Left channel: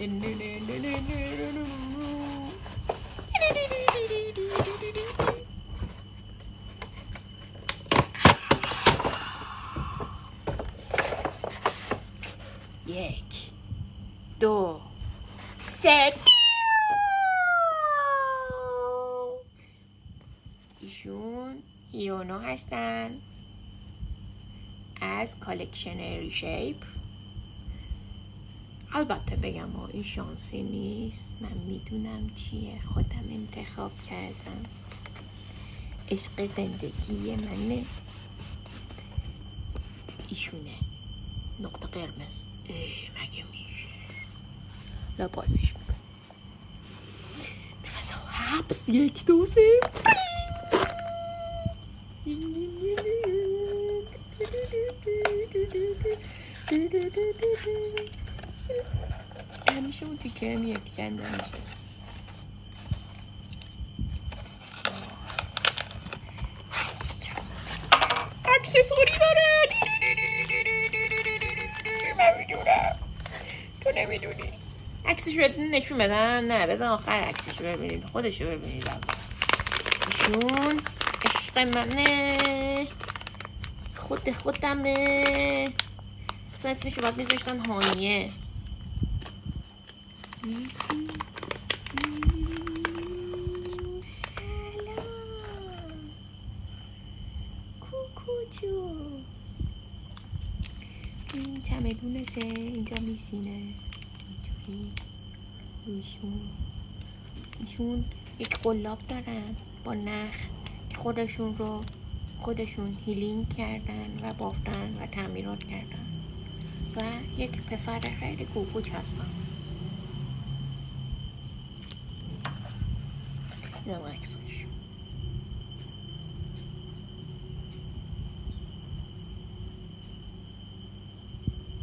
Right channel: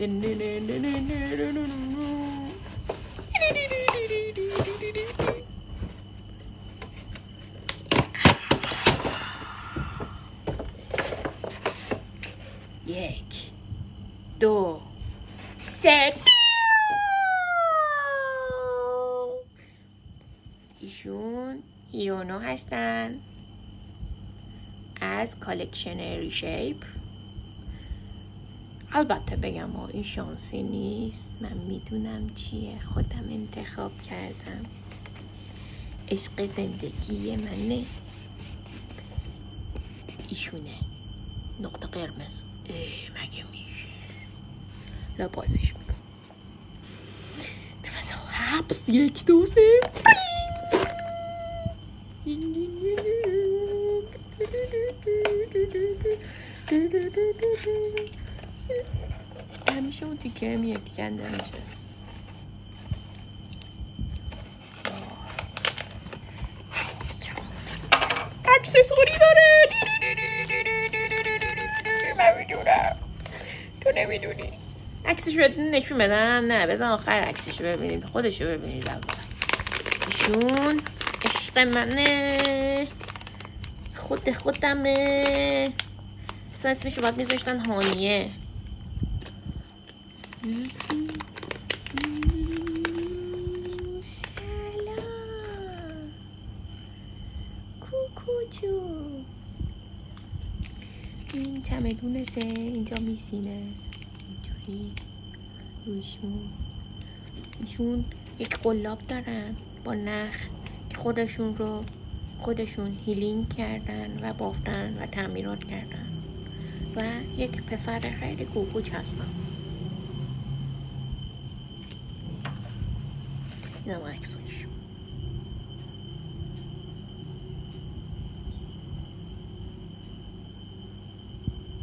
یک دو سه. ایشون هیرونو هستن از کالکشن ریشیپ. البته بگم این شانسی نیست، من میدونم چیه، خودم انتخاب کردم، عشق زندگی منه. ایشونه نقطه قرمز. مگه میشه لباسش میکنم نفس حبس. یک دو سه. همیشه اون تیکه میاد کنده میشه. اکسسوری داره. من میدونم تو نمیدونی. عکسش رو نشون بدم؟ نه بذار آخر عکسش رو ببینید، خودش رو ببینید. ایشون عشق منه، خودمه. اسمش رو باید میذاشتن هانیه. سلام کوکو جون. این چمدونته، اینجا میسینه اینجوری. ایشون یک قلاب دارن با نخ که خودشون هیلینگ کردن و بافتن و تعمیرات کردن و یک پسر خیلی کوکوچ هستن. اینم عکسش.